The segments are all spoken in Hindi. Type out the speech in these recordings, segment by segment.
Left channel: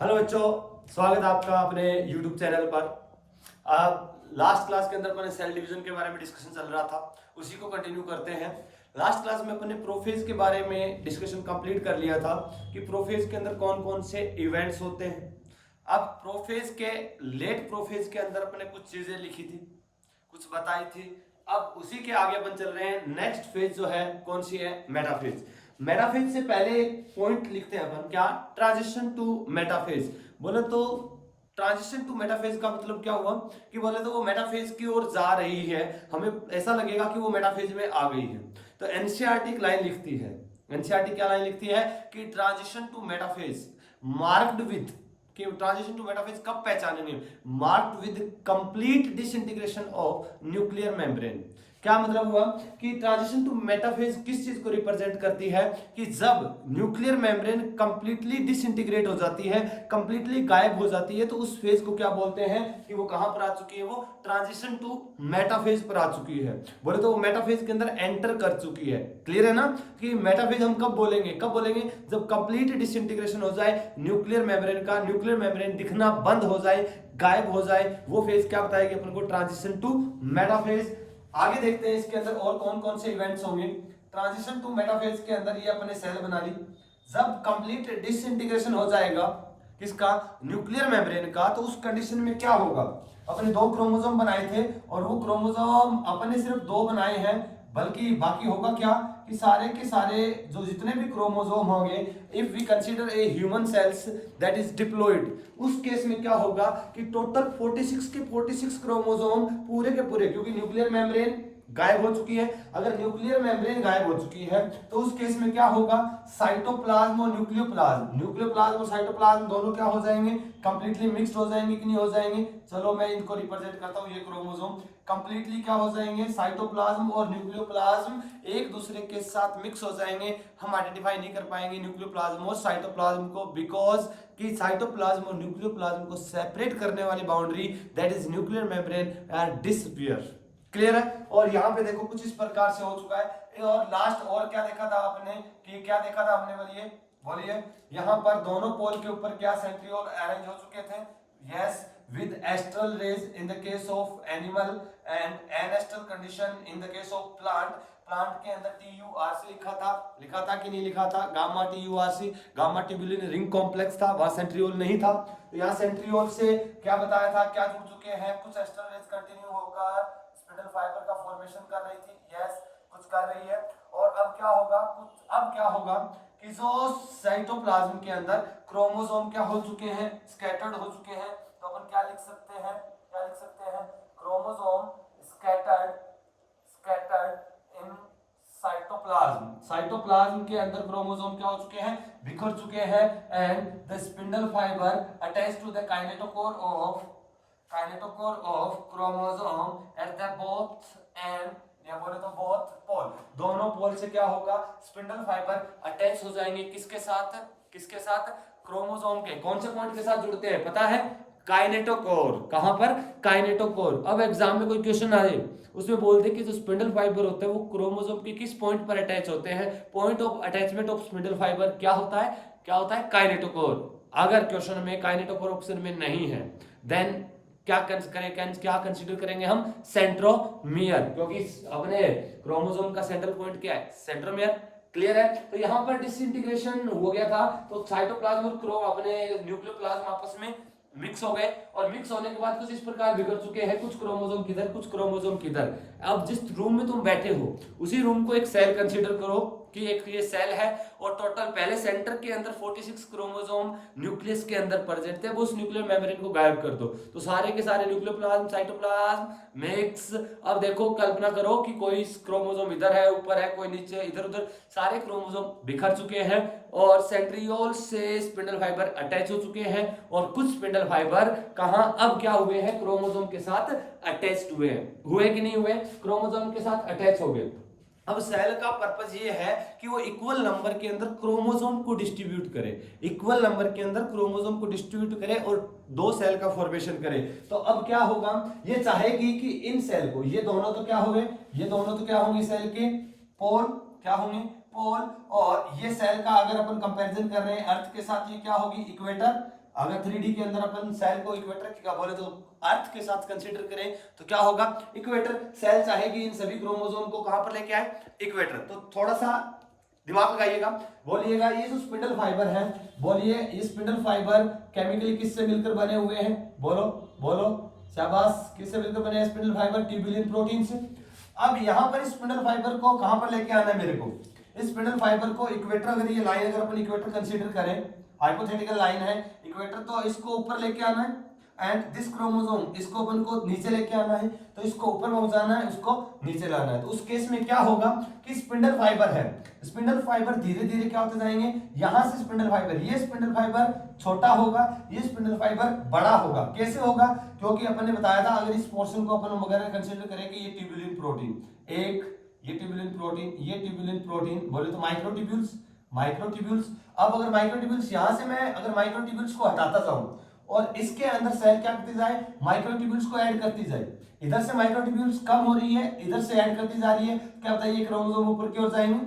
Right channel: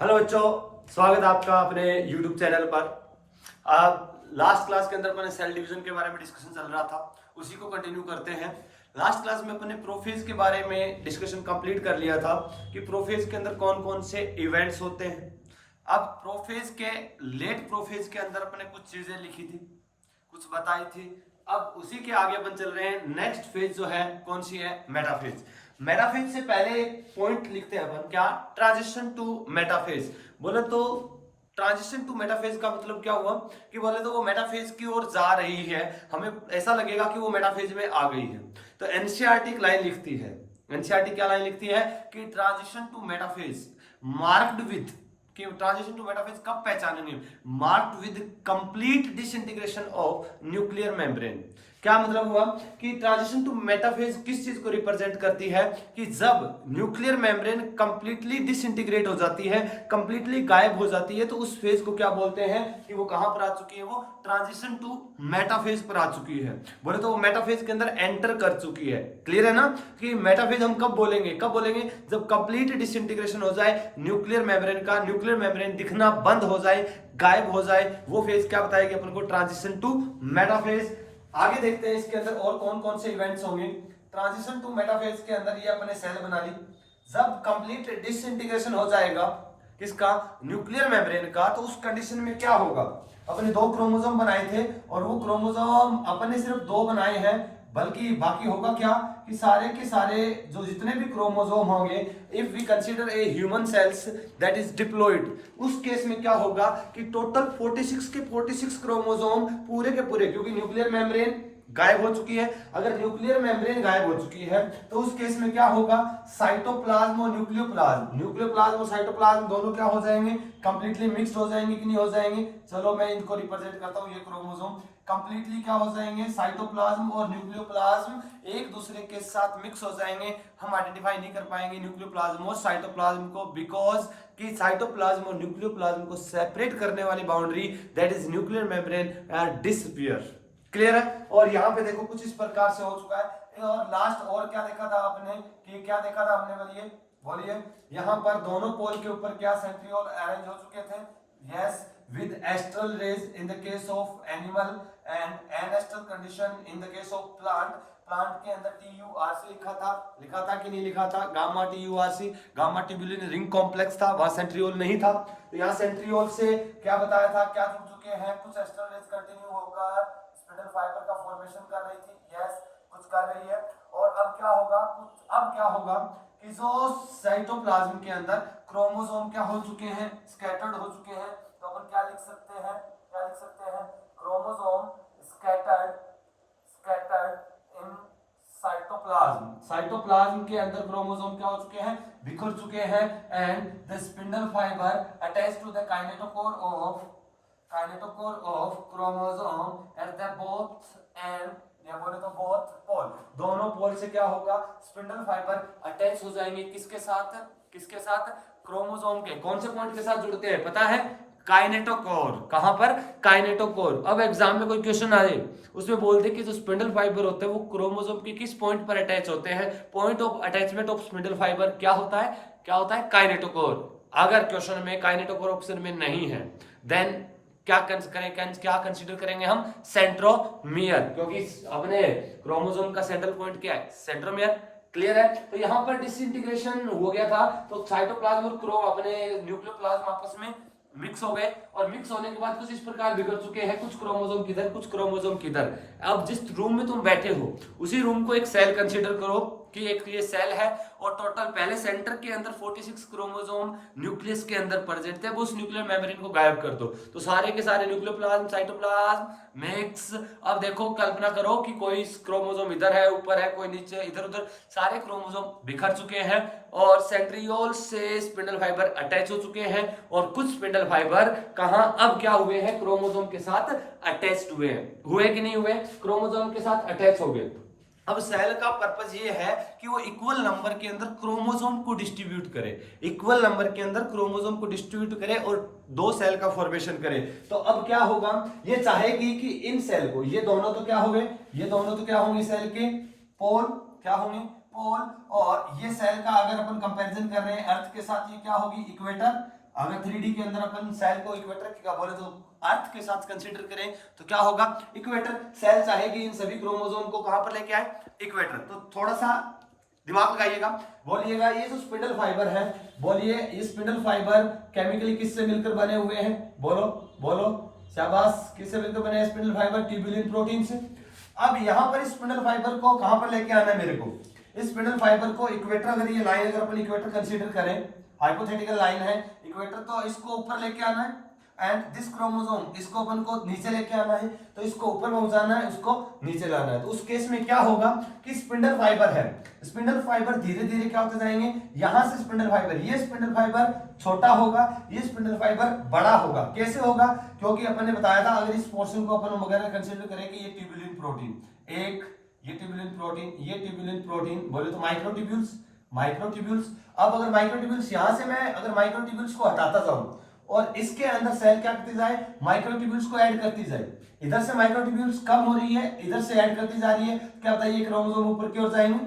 हेलो बच्चों, स्वागत है आपका अपने YouTube चैनल पर। लास्ट क्लास के अंदर अपने सेल डिवीजन के बारे में डिस्कशन चल रहा था, उसी को कंटिन्यू करते हैं। लास्ट क्लास में अपने प्रोफेज के बारे में डिस्कशन कंप्लीट कर लिया था कि प्रोफेज के अंदर कौन कौन से इवेंट्स होते हैं। अब प्रोफेज के लेट प्रोफेज के अंदर अपने कुछ चीजें लिखी थी, कुछ बताई थी। अब उसी के आगे अपन चल रहे हैं। नेक्स्ट फेज जो है कौन सी है? मेटाफेज। मेटाफेज से पहले पॉइंट लिखते हैं अपन, क्या? Transition to metaphase. बोले तो ट्रांजिशन टू मेटाफेज का मतलब क्या हुआ कि बोले तो वो मेटाफेज की ओर जा रही है, हमें ऐसा लगेगा कि वो मेटाफेज में आ गई है। तो एनसीईआरटी एक लाइन लिखती है। एनसीईआरटी क्या लाइन लिखती है कि transition to metaphase marked with, कि ट्रांजिशन टू मेटाफेज कब पहचानेंगे? Marked with complete disintegration of nuclear membrane. क्या मतलब हुआ कि ट्रांजिशन टू मेटाफेज किस चीज को रिप्रेजेंट करती है कि जब न्यूक्लियर मेम्ब्रेन कंप्लीटली डिसइंटीग्रेट हो जाती है, कंप्लीटली गायब हो जाती है, तो उस फेज को क्या बोलते हैं कि वो कहां पर आ चुकी है? वो ट्रांजिशन टू मेटाफेज पर आ चुकी है। बोले तो वो मेटाफेज के अंदर एंटर कर चुकी है। क्लियर है ना कि मेटाफेज हम कब बोलेंगे? कब बोलेंगे? जब कंप्लीट डिसइंटीग्रेशन हो जाए न्यूक्लियर मेम्ब्रेन का, न्यूक्लियर मेम्ब्रेन दिखना बंद हो जाए, गायब हो जाए, वो फेज क्या बताएगी अपन को? Transition to metaphase. आगे देखते हैं इसके अंदर और कौन कौन से इवेंट्स होंगे। ट्रांजिशन टू मेटाफेज के अंदर ये अपने सेल बना ली। जब कंप्लीट डिसइंटीग्रेशन हो जाएगा किसका? न्यूक्लियर मेम्ब्रेन का, तो उस कंडीशन में क्या होगा? अपने दो क्रोमोसोम बनाए थे और वो क्रोमोसोम अपने सिर्फ दो बनाए हैं, बल्कि बाकी होगा क्या कि सारे के सारे जो जितने भी क्रोमोसोम होंगे, if we consider a human cells that is diploid, उस केस में क्या होगा कि टोटल 46 के 46 क्रोमोसोम पूरे के पूरे, क्योंकि न्यूक्लियर मेम्ब्रेन गायब हो चुकी है। अगर न्यूक्लियर मेम्ब्रेन गायब हो चुकी है तो उस केस में क्या होगा? साइटोप्लाज्म और न्यूक्लियोप्लाज्म, न्यूक्लियोप्लाज्म और साइटोप्लाज्म दोनों क्या हो जाएंगे? कंप्लीटली मिक्स्ड हो जाएंगे कि नहीं हो जाएंगे? चलो मैं इनको रिप्रेजेंट करता हूं। ये क्रोमोसोम कंप्लीटली क्या हो जाएंगे? साइटोप्लाज्म और न्यूक्लियोप्लाज्म एक दूसरे के साथ मिक्स हो जाएंगे। हम आइडेंटिफाई नहीं कर पाएंगे न्यूक्लियोप्लाज्म और साइटोप्लाज्म को, बिकॉज कि साइटोप्लाज्म और न्यूक्लियोप्लाज्म को सेपरेट करने वाली boundary that is nuclear membrane disappear. Clear है? और यहाँ पे देखो कुछ इस प्रकार से हो चुका है। और लास्ट और क्या देखा था आपने कि क्या देखा था हमने? बोलिए बोलिए। यहाँ पर दोनों पोल के ऊपर क्या सेंट्रियोल अरेंज हो चुके थे? Yes, with astral rays in the case of animal and anastral condition in the case of plant. Plant के अंदर TURC लिखा था कि नहीं लिखा था? Gamma TURC, gamma tubulin ring complex था, वहां सेंट्रियोल नहीं था। तो यहाँ सेंट्रियोल से क्या बताया था? क्या जुड़ चुके हैं? कुछ एस्ट्रल रेज कंटिन्यू होकर स्पिंडल फाइबर का फॉर्मेशन कर रही थी। यस, कुछ कर रही है। और अब क्या होगा? अब क्या होगा कि जो साइटोप्लाज्म के अंदर क्रोमोसोम क्या हो चुके हैं? स्कैटर्ड हो चुके हैं। तो अपन क्या लिख सकते हैं? क्या लिख सकते हैं? Chromosome scattered, scattered in cytoplasm. Cytoplasm के अंदर क्रोमोसोम क्या हो चुके हैं? बिखर चुके हैं। And the spindle fibre attached to the kinetochore of chromosome at the both end, या बोले तो बोथ पोल, दोनों पोल से क्या होगा? स्पिंडल फाइबर अटैच हो जाएंगे किसके साथ? किसके साथ? क्रोमोसोम के। कौन से पॉइंट के साथ जुड़ते हैं पता है? काइनेटोकोर। कहां पर? काइनेटोकोर। अब एग्जाम में कोई क्वेश्चन आ जाए, उसमें बोलते कि जो स्पिंडल फाइबर होते हैं वो क्रोमोसोम के किस पॉइंट पर अटैच होते हैं? Point of attachment of spindle fibre क्या होता है? क्या होता है? काइनेटोकोर। अगर क्वेश्चन में काइनेटोकोर ऑप्शन में नहीं है, देन क्या क्या कंसीडर करेंगे हम? सेंट्रोमियर, क्योंकि अपने क्रोमोसोम का सेंट्रल पॉइंट क्या है? सेंट्रोमियर। क्लियर है? तो यहां पर डिसइंटीग्रेशन हो गया था, तो साइटोप्लाज्म और क्रोम अपने न्यूक्लियोप्लाज्म आपस में मिक्स हो गए, और मिक्स होने के बाद कुछ इस प्रकार बिखर चुके हैं, कुछ क्रोमोसोम किधर, कुछ क्रोमोसोम किधर। अब जिस रूम में तुम बैठे हो उसी रूम को एक सेल कंसीडर करो कि एक ये सेल है, और टोटल पहले सेंटर के अंदर 46 क्रोमोसोम न्यूक्लियस के अंदर प्रेजेंट थे, वो उस न्यूक्लियर मेम्ब्रेन को गायब कर दो तो सारे के सारे न्यूक्लियोप्लाज्म साइटोप्लाज्म मिक्स। अब देखो, कल्पना करो कि कोई क्रोमोसोम इधर है, ऊपर है, कोई नीचे, इधर उधर, सारे क्रोमोसोम बिखर चुके हैं और सेंट्रियोल से स्पिंडल फाइबर अटैच हो चुके हैं, और कुछ स्पिंडल फाइबर कहां अब क्या हुए हैं? क्रोमोसोम के साथ अटैच्ड हुए हैं। हुए कि नहीं हुए? क्रोमोसोम के साथ अटैच हो गए। अब सेल का पर्पस ये है कि वो इक्वल नंबर के अंदर क्रोमोसोम को डिस्ट्रीब्यूट करे, इक्वल नंबर के अंदर क्रोमोसोम को डिस्ट्रीब्यूट करे और दो सेल का फॉर्मेशन करे। तो अब क्या होगा? ये चाहेगी कि इन सेल को, ये दोनों तो क्या होंगे? ये दोनों तो क्या होंगे? सेल के पोल। क्या होंगे? पोल। और ये सेल का अगर अपन कंपैरिजन कर रहे हैं अर्थ के साथ, ये क्या होगी? इक्वेटर। अगर 3D के अंदर अपन सेल को इक्वेटर क्या बोले तो अर्थ के साथ कंसीडर करें तो क्या होगा, इक्वेटर सेल चाहेगी इन सभी क्रोमोसोम को कहां पर लेके आए, इक्वेटर। तो थोड़ा सा दिमाग लगाइएगा, बोलिएगा ये जो स्पिंडल फाइबर है, बोलिए ये स्पिंडल फाइबर केमिकली किससे मिलकर बने हुए हैं, बोलो बोलो, शाबाश, किससे मिलकर बने हैं स्पिंडल फाइबर, ट्यूबुलिन प्रोटीन से। अब यहाँ पर स्पिंडल फाइबर को कहां पर लेके आना है मेरे को, इस स्पिंडल फाइबर को इक्वेटर, अगर ये लाइन अगर अपन इक्वेटर कंसीडर करें, हाइपोथेटिकल लाइन है इक्वेटर, तो इसको ऊपर लेके आना है, एंड दिस क्रोमोसोम इसको अपन को नीचे लेके आना है, तो इसको ऊपर पहुंचाना है, इसको नीचे लाना है। तो उस केस में क्या होगा कि स्पिंडल फाइबर है, स्पिंडल फाइबर धीरे धीरे क्या होते जाएंगे, यहां से स्पिंडल फाइबर, ये स्पिंडल फाइबर छोटा होगा, ये स्पिंडल फाइबर बड़ा होगा। कैसे होगा, क्योंकि अपन ने बताया था अगर इस पोर्शन को अपन वगैरह कंसीडर करें कि ये ट्यूबुलिन प्रोटीन, एक ये ट्यूबुलिन प्रोटीन, ये ट्यूबुलिन प्रोटीन, बोले तो माइक्रोट्यूब्यूल्स, माइक्रोट्यूब्यूल्स। अब अगर माइक्रोट्यूब्यूल्स यहां से मैं अगर माइक्रोट्यूब्यूल्स को हटाता जाऊं और इसके अंदर सेल क्या करती जाए, माइक्रोट्यूब्यूल्स को ऐड करती जाए, इधर से माइक्रोट्यूब्यूल्स कम हो रही है, इधर से ऐड करती जा रही है, क्या बताइए क्रोमोसोम ऊपर की ओर जाएंगे,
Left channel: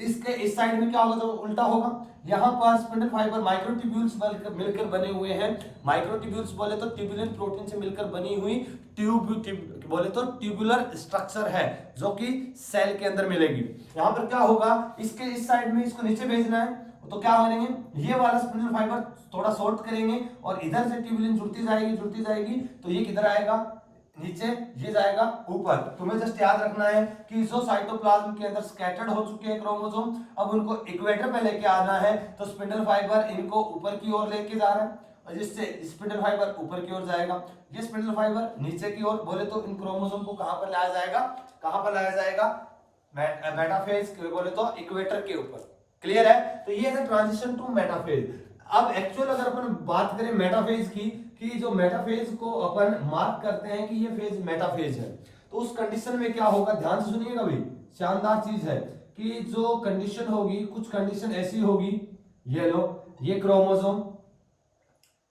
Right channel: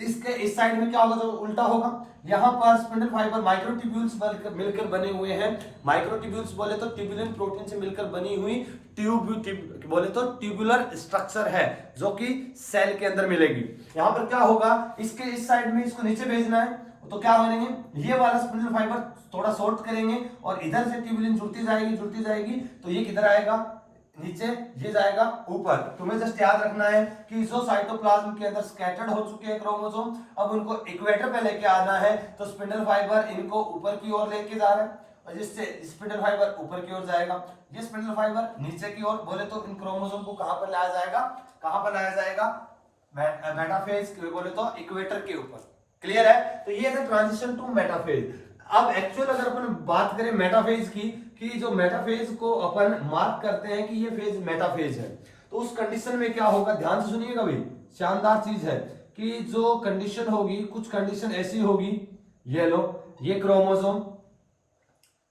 इसके इस साइड में क्या होगा, तो उल्टा होगा। यहाँ पर स्पिंडल फाइबर माइक्रोट्यूब्यूल्स मिलकर बने हुए हैं, माइक्रोट्यूब्यूल्स बोले तो ट्यूबुलिन प्रोटीन से मिलकर बनी हुई बोले तो ट्यूबुलर स्ट्रक्चर है जो कि सेल के अंदर मिलेगी। यहाँ पर क्या होगा, इसके इस साइड में इसको नीचे भेजना है, तो क्या करेंगे, ये वाला स्पिंडल फाइबर थोड़ा शॉर्ट करेंगे और इधर से ट्यूबुलिन जुड़ती जाएगी, तो ये किधर आएगा, नीचे, ये जाएगा ऊपर। तुम्हें जस्ट याद रखना है कि जो साइटोप्लाज्म के अंदर स्कैटर्ड हो चुके हैं क्रोमोसोम, अब उनको इक्वेटर पे लेके आना है, तो स्पिंडल फाइबर इनको ऊपर की ओर लेके जा रहा है, और जिससे स्पिंडल फाइबर ऊपर की ओर जाएगा, ये स्पिंडल फाइबर नीचे की ओर, बोले तो इन क्रोमोसोम को कहां पर लाया जाएगा, कहां पर लाया जाएगा, मेटाफेज, बोले तो इक्वेटर के ऊपर। क्लियर है, तो ये है ट्रांजिशन टू मेटाफेज। अब एक्चुअल अगर अपन बात करें मेटाफेज की, कि जो मेटाफेज को अपन मार्क करते हैं कि ये फेज मेटाफेज है, तो उस कंडीशन में क्या होगा, ध्यान से सुनिएगा भाई, शानदार चीज है कि जो कंडीशन होगी, कुछ कंडीशन ऐसी होगी, ये लो ये क्रोमोसोम,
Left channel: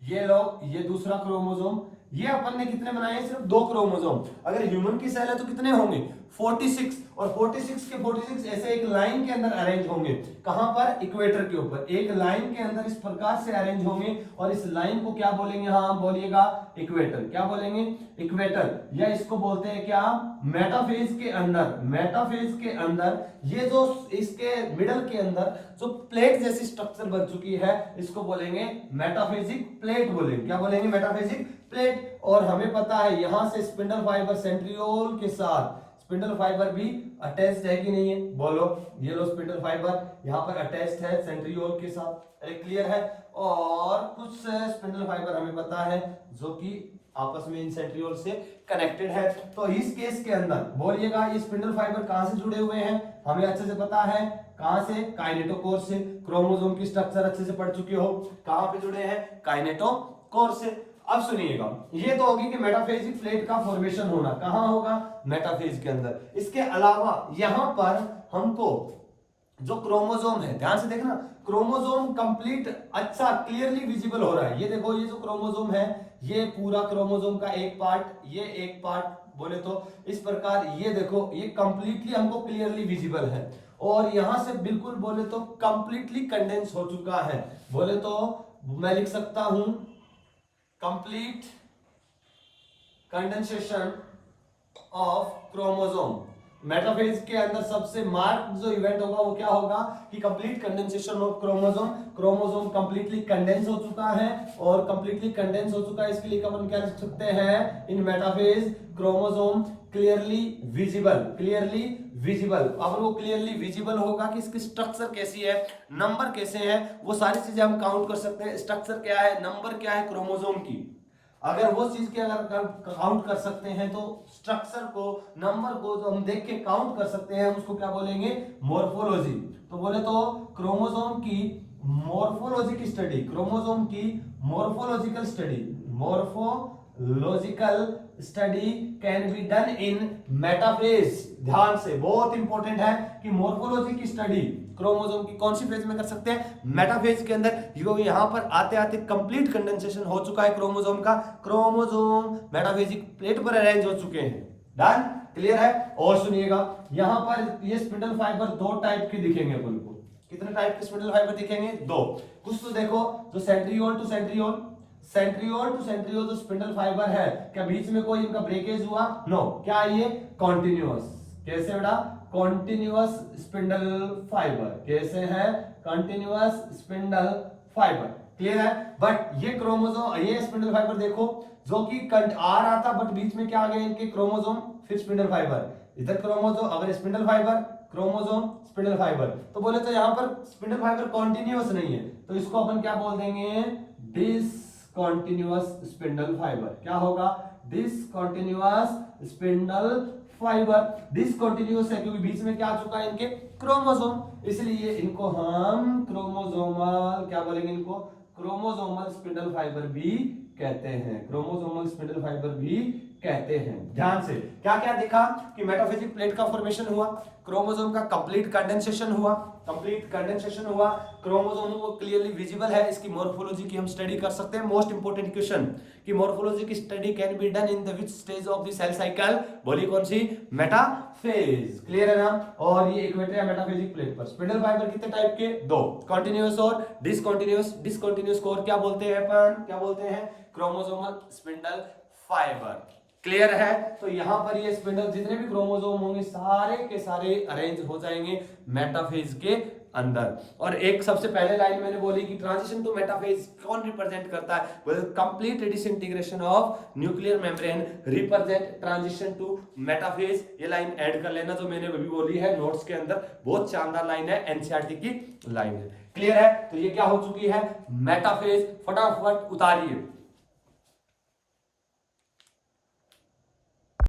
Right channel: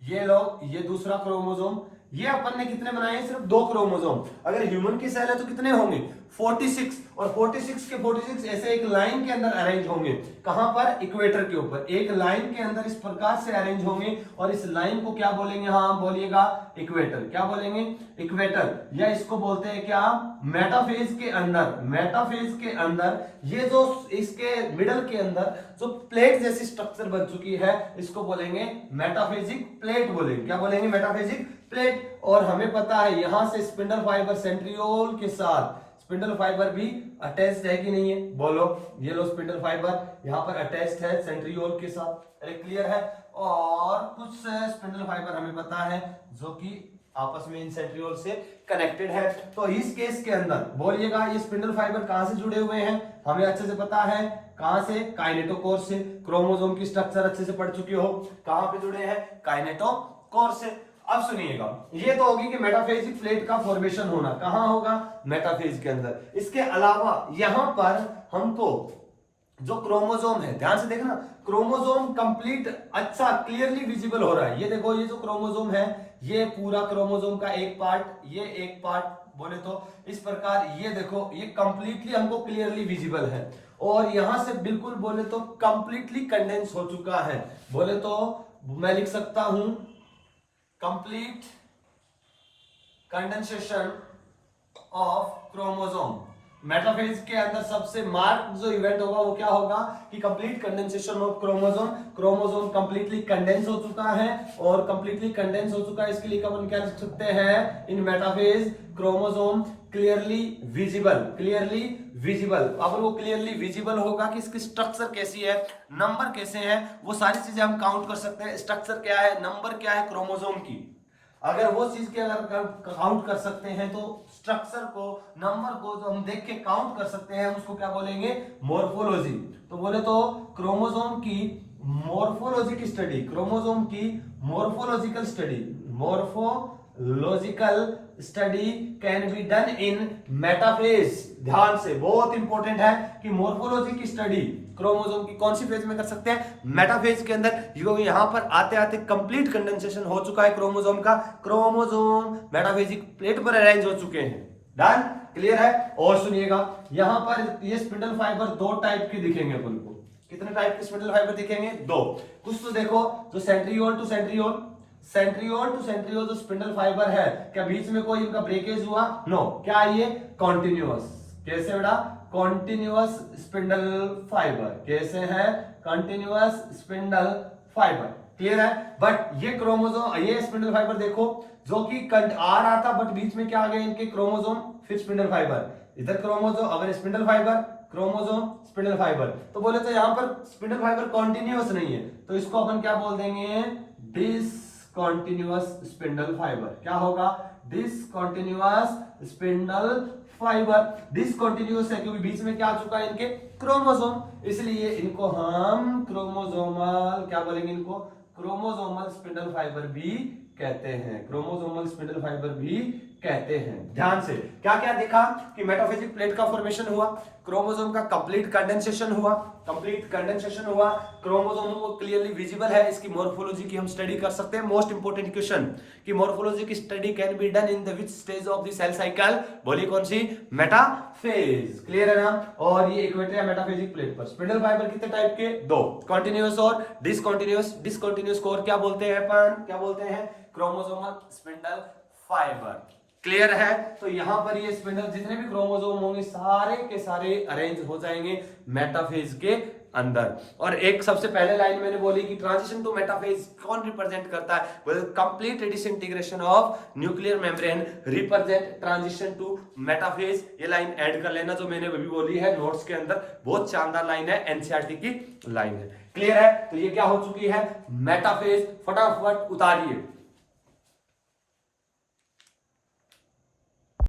ये लो ये दूसरा क्रोमोसोम, ये अपन ने कितने बनाए हैं, सिर्फ 2 क्रोमोसोम। अगर ह्यूमन की सेल है तो कितने होंगे, 46, और 46 के 46 ऐसे एक लाइन के अंदर अरेंज होंगे, कहां पर, इक्वेटर के ऊपर, एक लाइन के अंदर इस प्रकार से अरेंज होंगे, और इस लाइन को क्या बोलेंगे, हाँ बोलिएगा इक्वेटर, क्या बोलेंगे, इक्वेटर, या इसको बोलते हैं क्या, मेटाफेज के अंदर, मेटाफेज के अंदर ये जो इसके मिडल के अंदर जो प्लेट जैसी स्ट्रक्चर बन चुकी है, इसको बोलेंगे मेटाफेजिक प्लेट, बोलेंगे क्या बोलेंगे, मेटाफेजिक प्लेट। और हमें पता है यहां से स्पिंडल फाइबर सेंट्रियोल के साथ, स्पिंडल फाइबर भी अटैच्ड है कि नहीं है, बोलो, ये लो स्पिंडल फाइबर यहां पर अटैच्ड है सेंट्रियोल के साथ, क्लियर है। और कुछ स्पिंडल फाइबर हमें पता है जो कि आपस में इन सेंट्रियोल से कनेक्टेड है। तो इस केस के अंदर बोलिएगा ये स्पिंडल फाइबर कहां से जुड़े हुए हैं, हमें अच्छे से पता है, कहां से, काइनेटोकोर से, क्रोमोसोम की स्ट्रक्चर अच्छे से पढ़ चुके हो, कहां पे जुड़े हैं, काइनेटोकोर से। अब सुनिएगा, ये तो होगी कि मेटाफेजिक प्लेट का फॉर्मेशन होना कहां होगा, मेटाफेज के अंदर। इसके अलावा यहां पर हमको जो क्रोमोसोम है, ध्यान से देखना, क्रोमोसोम कंप्लीट अच्छा क्लियरली विजिबल हो रहा है, ये देखो, ये जो क्रोमोसोम है, ये पूरा क्रोमोसोम का एक पार्ट, ये एक पार्ट, बोले तो इस प्रकार, ये देखो, ये कंप्लीटली हमको क्लियरली विजिबल है, और यहां से बिल्कुल बोले तो कंप्लीटली कंडेंस हो चुका है, बोले तो मैं लिख सकता हूं complete condensation of chromosome. Metaphase के अंदर सबसे मार्क जो इवेंट होगा वो क्या होगा कि complete condensation of chromosome, chromosome completely condense हो चुका है, और कंप्लीटली कंडेंस हो चुका है, इसके लिए अपन क्या लिख सकते हैं, in metaphase chromosome clearly visible, clearly visible. अब वो क्लियरली विजिबल होगा कि इसकी स्ट्रक्चर कैसी है, नंबर कैसे है, वो सारी चीजें हम काउंट कर सकते हैं, स्ट्रक्चर क्या है, नंबर क्या है क्रोमोसोम की, अगर वो चीज के अगर काउंट कर सकते हैं तो स्ट्रक्चर को, नंबर को जो हम देख के काउंट कर सकते हैं उसको क्या बोलेंगे, मॉर्फोलॉजी। तो बोले तो क्रोमोसोम की मॉर्फोलॉजी की स्टडी, क्रोमोसोम की morphological study, morphological study can be done in metaphase. ध्यान से, बहुत इंपॉर्टेंट है कि मॉर्फोलॉजी की स्टडी क्रोमोसोम की कौन सी फेज में कर सकते हैं, मेटाफेज के अंदर, क्योंकि यहां पर आते आते कंप्लीट कंडेंसेशन हो चुका है क्रोमोसोम का, क्रोमोसोम मेटाफेजिक प्लेट पर अरेंज हो चुके हैं। डन, क्लियर है। और सुनिएगा, यहां पर ये स्पिंडल फाइबर 2 टाइप के दिखेंगे अपन को, कितने टाइप के स्पिंडल फाइबर दिखेंगे, 2। कुछ तो देखो जो centriole to centriole, centriole to centriole जो स्पिंडल फाइबर है, क्या बीच में कोई इनका ब्रेकेज हुआ? नो। क्या ये कॉन्टिन्यूअस? कैसे बेटा? Continuous spindle fibre. कैसे है? Continuous spindle fibre. क्लियर है? बट ये क्रोमोसोम, ये स्पिंडल फाइबर देखो जो कि आ रहा था, बट बीच में क्या आ गया इनके? क्रोमोसोम फिर स्पिंडल फाइबर। इधर क्रोमोसोम, अगर spindle fibre, chromosome, spindle fibre, तो बोले तो यहाँ पर स्पिंडल फाइबर कॉन्टिन्यूअस नहीं है, तो इसको अपन क्या बोल देंगे? Discontinuous spindle fibre. क्या होगा? Discontinuous spindle fibre. डिसकॉन्टिन्यूअस है क्योंकि बीच में क्या आ चुका है इनके? क्रोमोसोम, इसलिए इनको हम क्रोमोसोमल, क्या बोलेंगे इनको? क्रोमोसोमल स्पिंडल फाइबर भी कहते हैं। क्रोमोसोमल स्पिंडल फाइबर भी कहते हैं। ध्यान से क्या क्या देखा कि मेटाफेजिक प्लेट का फॉर्मेशन हुआ, क्रोमोसोम का कंप्लीट कंडेंसेशन हुआ, क्रोमोसोम को क्लियरली विजिबल है, इसकी मॉर्फोलॉजी की हम स्टडी कर सकते हैं। मोस्ट इंपोर्टेंट क्वेश्चन कि मॉर्फोलॉजी की study can be done in the which stage of the cell cycle? बोली कौन सी? मेटाफेज। क्लियर है ना? और ये इक्वेटर मेटाफेजिक प्लेट पर स्पिंडल फाइबर कितने टाइप के? दो, कॉन्टिन्यूअस और डिसकॉन्टिन्यूअस। डिसकॉन्टिन्यूअस को और क्या बोलते हैं अपन? क्या बोलते हैं? Chromosomal spindle fibre. क्लियर है? तो यहां पर ये स्पिंडल जितने भी क्रोमोसोम होंगे सारे के सारे अरेंज हो जाएंगे मेटाफेज के अंदर। और एक सबसे पहले लाइन मैंने बोली कि ट्रांजिशन टू मेटाफेज कौन रिप्रेजेंट करता है? Complete disintegration of nuclear membrane represent transition to metaphase. ये लाइन ऐड कर लेना जो मैंने अभी बोली है नोट्स के अंदर, बहुत शानदार लाइन है, एनसीईआरटी की लाइन है। क्लियर है? तो ये क्या हो चुकी है? मेटाफेज। फटाफट उतारिए।